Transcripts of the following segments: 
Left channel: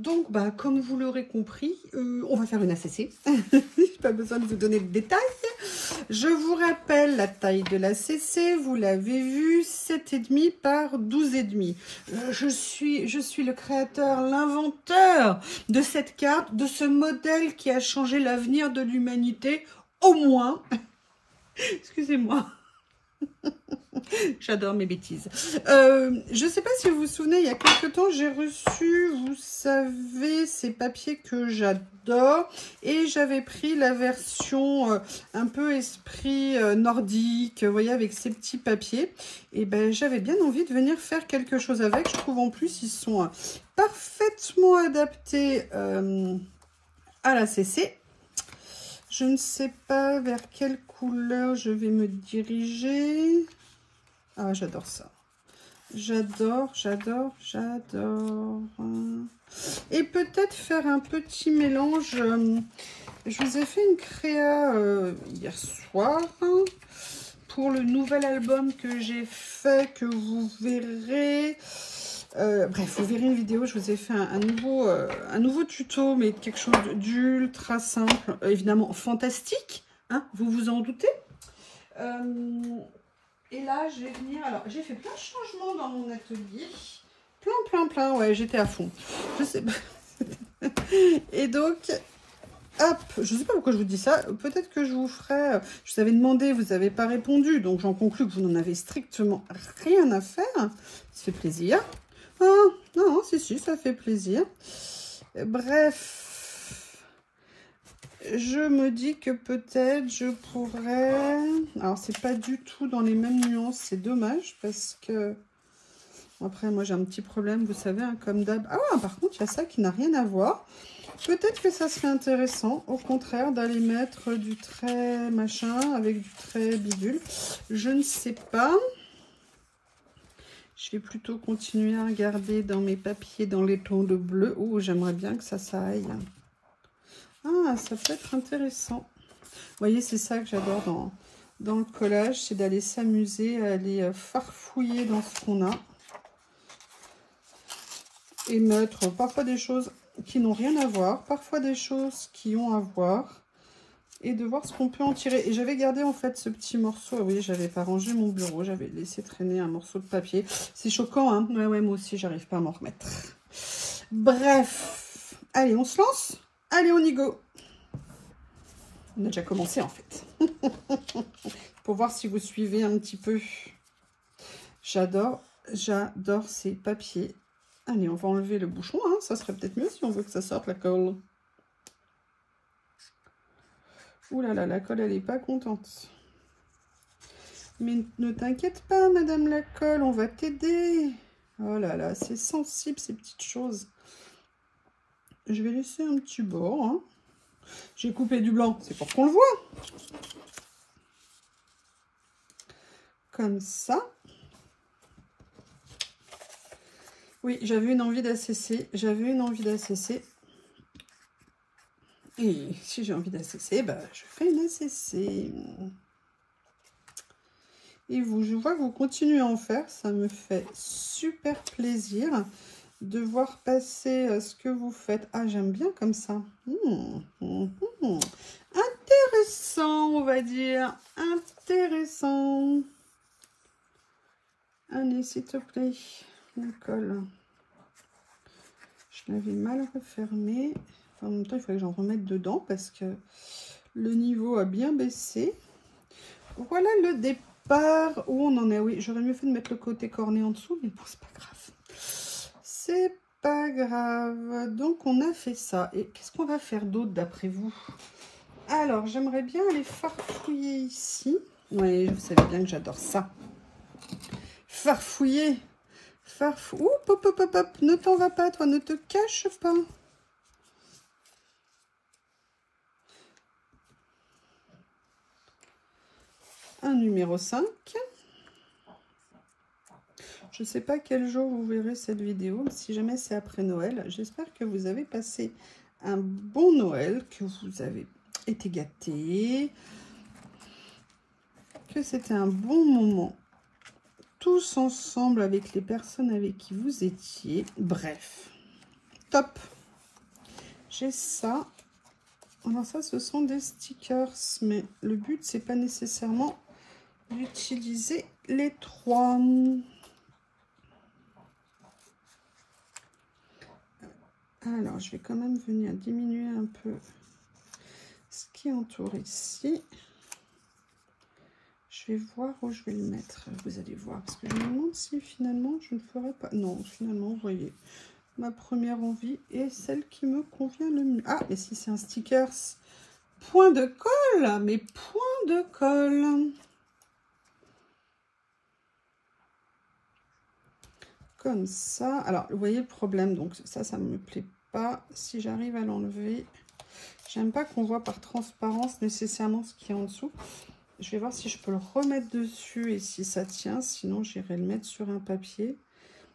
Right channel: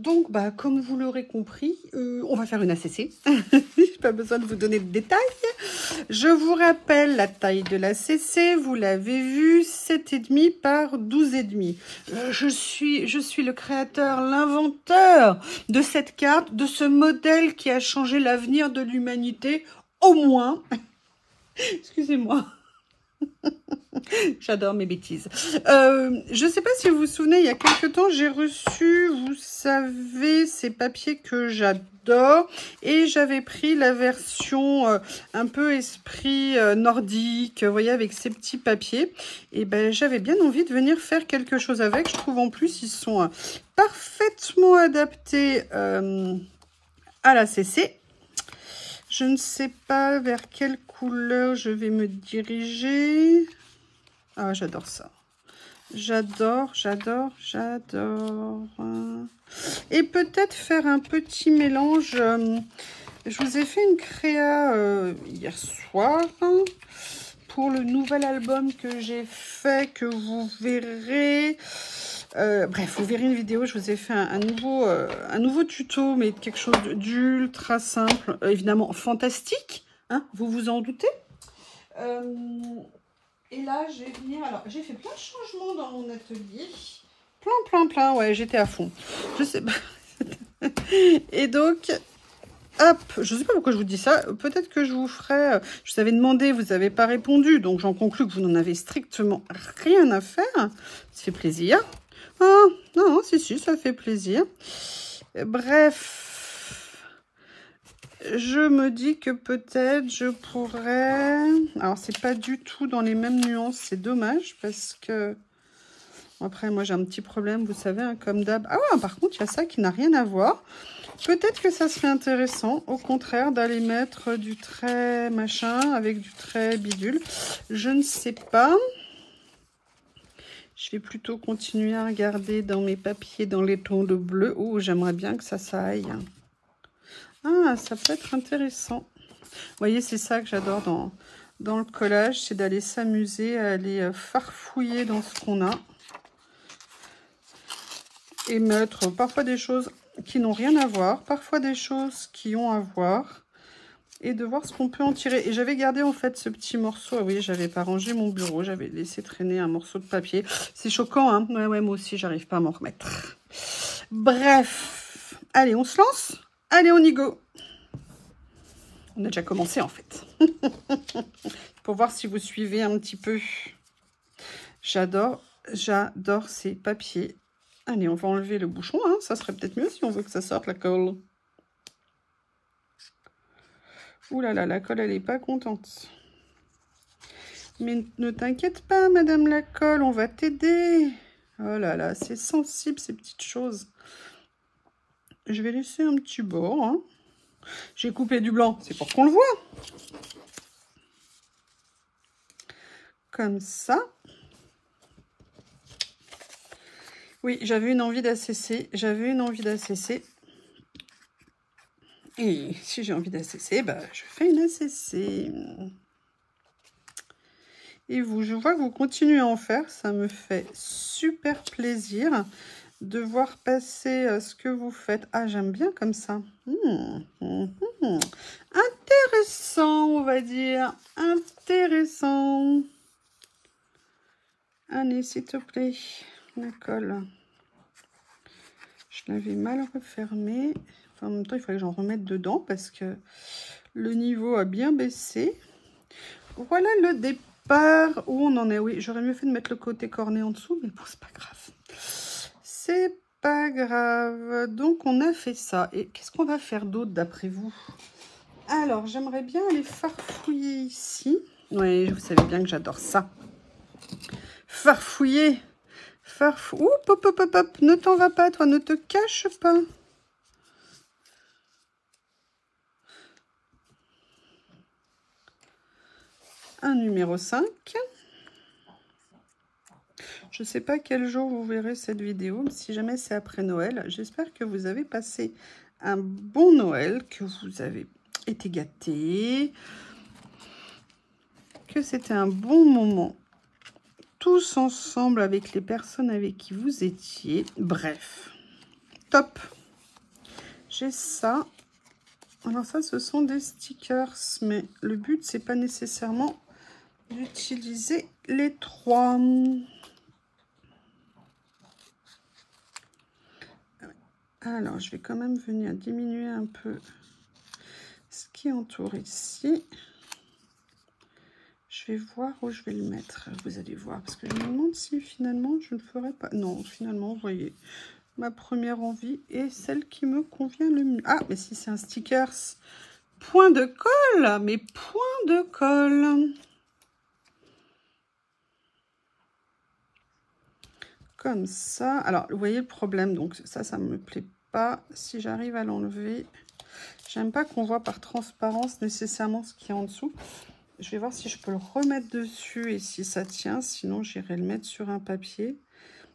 Donc, bah, comme vous l'aurez compris, on va faire une ACC. Pas besoin de vous donner de détails. Je vous rappelle la taille de l'ACC. Vous l'avez vu, 7,5 par 12,5. Je suis le créateur, l'inventeur de cette carte, de ce modèle qui a changé l'avenir de l'humanité, au moins. Excusez-moi. J'adore mes bêtises. Je ne sais pas si vous vous souvenez, il y a quelques temps, j'ai reçu, vous savez, ces papiers que j'adore. Et j'avais pris la version un peu esprit nordique, vous voyez, avec ces petits papiers. Et ben, j'avais bien envie de venir faire quelque chose avec. Je trouve en plus, ils sont parfaitement adaptés à la CC. Je ne sais pas vers quelle couleur je vais me diriger. Ah, j'adore ça. J'adore. Et peut-être faire un petit mélange. Je vous ai fait une créa hier soir pour le nouvel album que j'ai fait, que vous verrez. Bref, vous verrez une vidéo. Je vous ai fait un nouveau tuto, mais quelque chose d'ultra simple, évidemment fantastique. Hein, vous vous en doutez. Et là, je vais venir... Alors, j'ai fait plein de changements dans mon atelier. Plein. Ouais, j'étais à fond. Je sais pas. Et donc, hop, je sais pas pourquoi je vous dis ça. Peut-être que je vous ferai... Je vous avais demandé, vous n'avez pas répondu. Donc, j'en conclus que vous n'en avez strictement rien à faire. Ça fait plaisir. Ah, non, si, ça fait plaisir. Bref... Je me dis que peut-être je pourrais... Alors, c'est pas du tout dans les mêmes nuances. C'est dommage parce que... Après, moi, j'ai un petit problème, vous savez, hein, comme d'hab. Ah ouais, par contre, il y a ça qui n'a rien à voir. Peut-être que ça serait intéressant, au contraire, d'aller mettre du trait machin avec du trait bidule. Je ne sais pas. Je vais plutôt continuer à regarder dans mes papiers, dans les tons de bleu. Oh, j'aimerais bien que ça aille. Ah, ça peut être intéressant. Vous voyez, c'est ça que j'adore dans le collage, c'est d'aller s'amuser, à aller farfouiller dans ce qu'on a. Et mettre parfois des choses qui n'ont rien à voir, parfois des choses qui ont à voir. Et de voir ce qu'on peut en tirer. Et j'avais gardé en fait ce petit morceau. Ah oui, j'avais pas rangé mon bureau, j'avais laissé traîner un morceau de papier. C'est choquant, hein. Ouais, moi aussi, j'arrive pas à m'en remettre. Bref. Allez, on se lance? Allez, on y go. On a déjà commencé en fait. Pour voir si vous suivez un petit peu. J'adore ces papiers. Allez, on va enlever le bouchon. Hein. Ça serait peut-être mieux si on veut que ça sorte la colle. Ouh là là, la colle, elle n'est pas contente. Mais ne t'inquiète pas, madame la colle, on va t'aider. Oh là là, c'est sensible ces petites choses. Je vais laisser un petit bord. Hein. J'ai coupé du blanc, c'est pour qu'on le voit. Comme ça. Oui, j'avais une envie d'ACC. Et si j'ai envie d'ACC, bah, je fais une ACC. Et vous, je vois que vous continuez à en faire. Ça me fait super plaisir de voir passer ce que vous faites. Ah, j'aime bien comme ça. Intéressant, on va dire. Intéressant. Allez, s'il te plaît, la colle. Je l'avais mal refermée. Enfin, en même temps, il fallait que j'en remette dedans parce que le niveau a bien baissé. Voilà le départ où on en est. Oui, j'aurais mieux fait de mettre le côté corné en dessous, mais bon, c'est pas grave. C'est pas grave. Donc, on a fait ça. Et qu'est-ce qu'on va faire d'autre d'après vous? Alors, j'aimerais bien aller farfouiller ici. Oui, vous savez bien que j'adore ça. Farfouiller. Ouh, hop. Ne t'en va pas, toi. Ne te cache pas. Un numéro 5. Je ne sais pas quel jour vous verrez cette vidéo, mais si jamais c'est après Noël, j'espère que vous avez passé un bon Noël, que vous avez été gâtés, que c'était un bon moment, tous ensemble avec les personnes avec qui vous étiez. Bref, top. j'ai ça. Alors ça, ce sont des stickers, mais le but, c'est pas nécessairement d'utiliser les 3. Alors, je vais quand même venir diminuer un peu ce qui entoure ici. Je vais voir où je vais le mettre, vous allez voir, parce que je me demande si finalement je ne ferai pas... Non, finalement, vous voyez, ma première envie est celle qui me convient le mieux. Ah, mais si c'est un stickers, point de colle, mais point de colle. Comme ça. Alors, vous voyez le problème, donc ça me plaît pas. Si j'arrive à l'enlever, j'aime pas qu'on voit par transparence nécessairement ce qu'il y a en dessous. Je vais voir si je peux le remettre dessus et si ça tient. Sinon, j'irai le mettre sur un papier.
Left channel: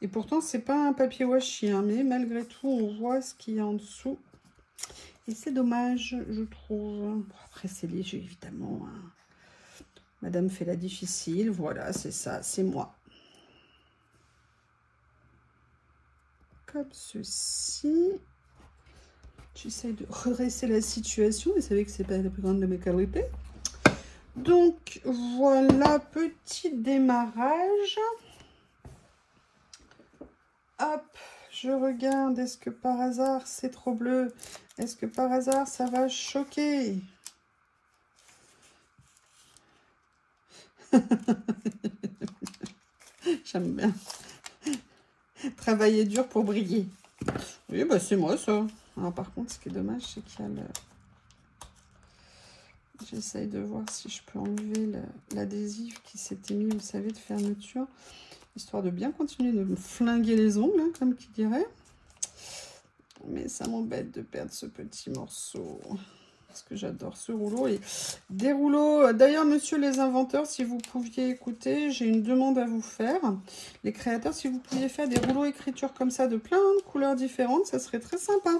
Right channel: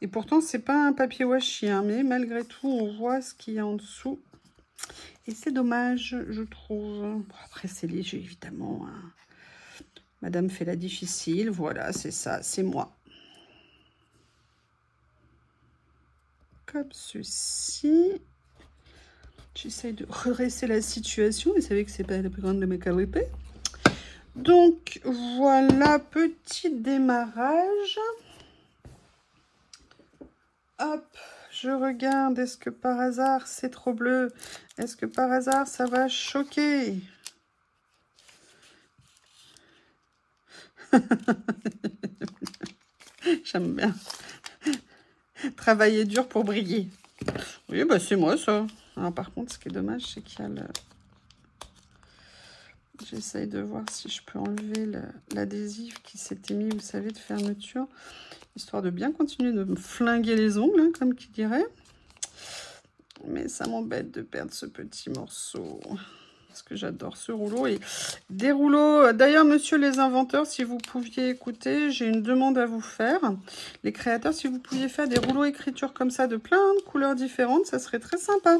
Et pourtant, c'est pas un papier washi, hein, mais malgré tout, on voit ce qu'il y a en dessous. Et c'est dommage, je trouve. Bon, après, c'est léger, évidemment. Hein. Madame fait la difficile. Voilà, c'est ça, c'est moi. Comme ceci. J'essaie de redresser la situation. Vous savez que c'est pas la plus grande de mes qualités. Donc, voilà, petit démarrage. Hop, je regarde. Est-ce que par hasard, c'est trop bleu? Est-ce que par hasard, ça va choquer? J'aime bien. Travailler dur pour briller. Oui, bah c'est moi, ça. Alors, par contre, ce qui est dommage, c'est qu'il y a le... J'essaye de voir si je peux enlever l'adhésif qui s'était mis, vous savez, de fermeture. Histoire de bien continuer de me flinguer les ongles, hein, comme qui dirait. Mais ça m'embête de perdre ce petit morceau. Parce que j'adore ce rouleau. Et des rouleaux... D'ailleurs, monsieur les inventeurs, si vous pouviez écouter, j'ai une demande à vous faire. Les créateurs, si vous pouviez faire des rouleaux écriture comme ça, de plein de couleurs différentes, ça serait très sympa.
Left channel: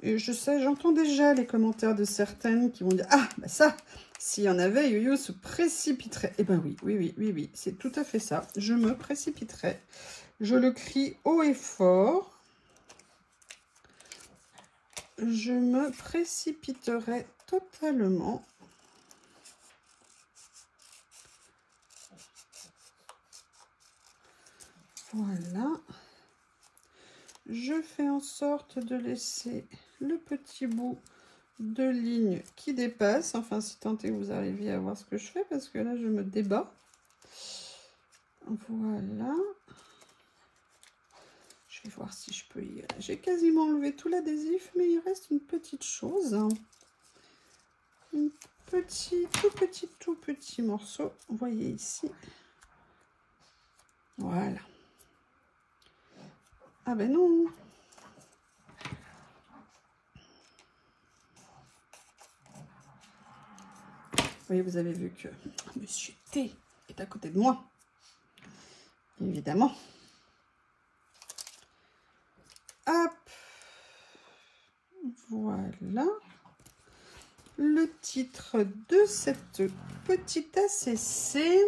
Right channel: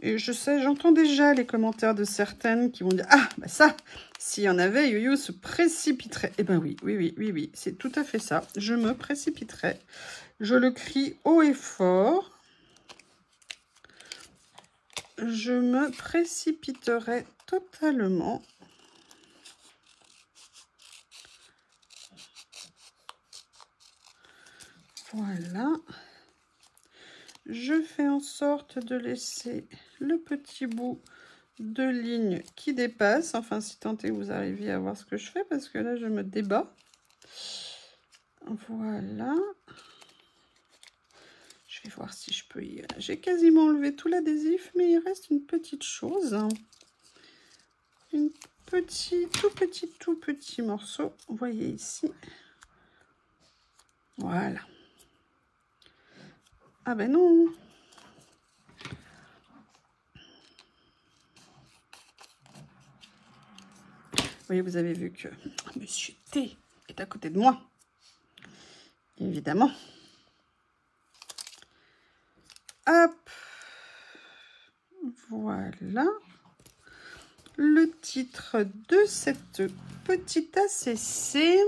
Et je sais, j'entends déjà les commentaires de certaines qui vont dire « Ah, bah ça, s'il y en avait, Yo-Yo se précipiterait. » Eh ben oui, c'est tout à fait ça. Je me précipiterais. Je le crie haut et fort. Je me précipiterai totalement. Voilà. Je fais en sorte de laisser le petit bout de ligne qui dépasse. Enfin, si tant est que vous arriviez à voir ce que je fais, parce que là, je me débat. Voilà. Je vais voir si je peux y... J'ai quasiment enlevé tout l'adhésif, mais il reste une petite chose. Un tout petit morceau. Vous voyez ici. Voilà. Ah ben non. Oui, vous avez vu que Monsieur T est à côté de moi. Évidemment. Hop. Voilà. Le titre de cette petite ACC.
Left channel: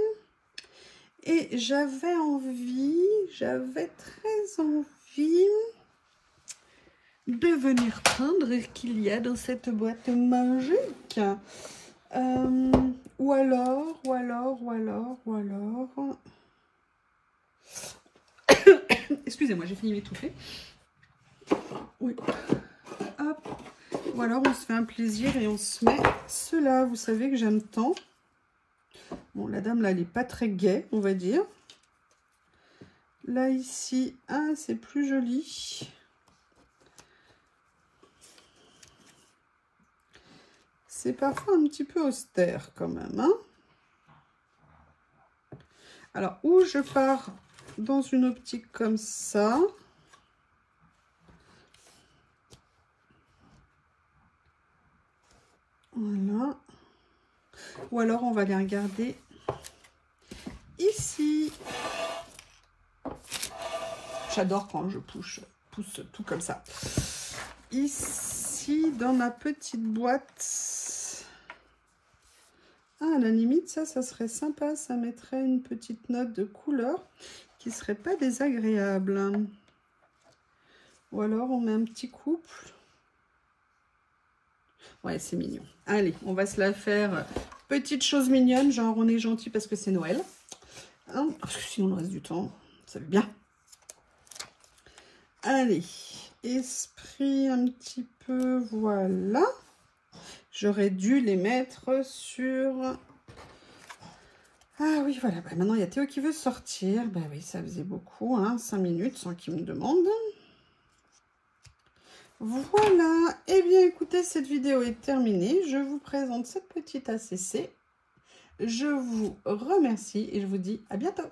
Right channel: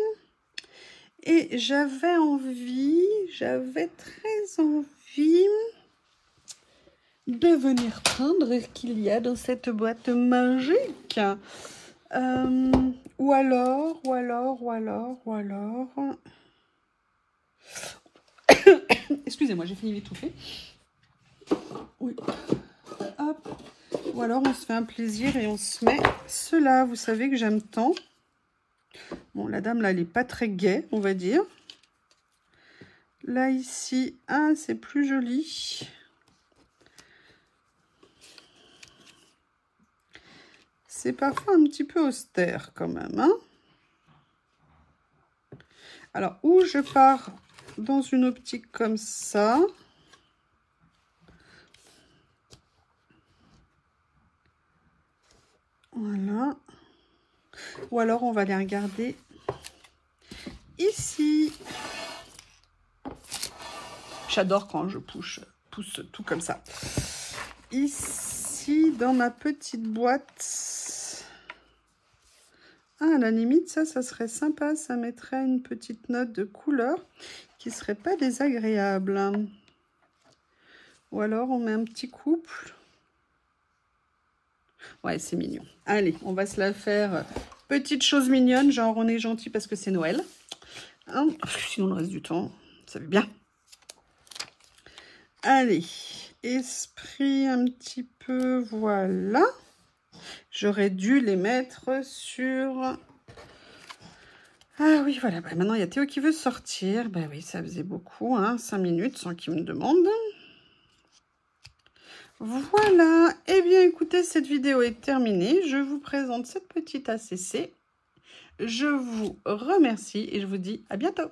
Et j'avais très envie de venir prendre ce qu'il y a dans cette boîte magique. Ou alors. Excusez-moi, j'ai fini m'étouffer. Oui. Hop. Ou alors on se fait un plaisir et on se met cela. Vous savez que j'aime tant. Bon, la dame là, elle n'est pas très gaie, on va dire. Là, ici, ah, c'est plus joli. C'est parfois un petit peu austère quand même. Hein. Alors, où je pars dans une optique comme ça. Voilà. Ou alors, on va les regarder ici. J'adore quand je pousse tout comme ça. Ici, dans ma petite boîte. Ah, à la limite, ça serait sympa. Ça mettrait une petite note de couleur qui serait pas désagréable. Ou alors on met un petit couple. Ouais, c'est mignon. Allez, on va se la faire petite chose mignonne, genre on est gentil parce que c'est Noël. Hein, sinon le reste du temps, ça va bien. Allez, esprit un petit peu, voilà. J'aurais dû les mettre sur... Ah oui, voilà. Bah, maintenant, il y a Théo qui veut sortir. Ben oui, ça faisait beaucoup, hein, 5 minutes sans qu'il me demande. Voilà. Eh bien, écoutez, cette vidéo est terminée. Je vous présente cette petite ACC. Je vous remercie et je vous dis à bientôt.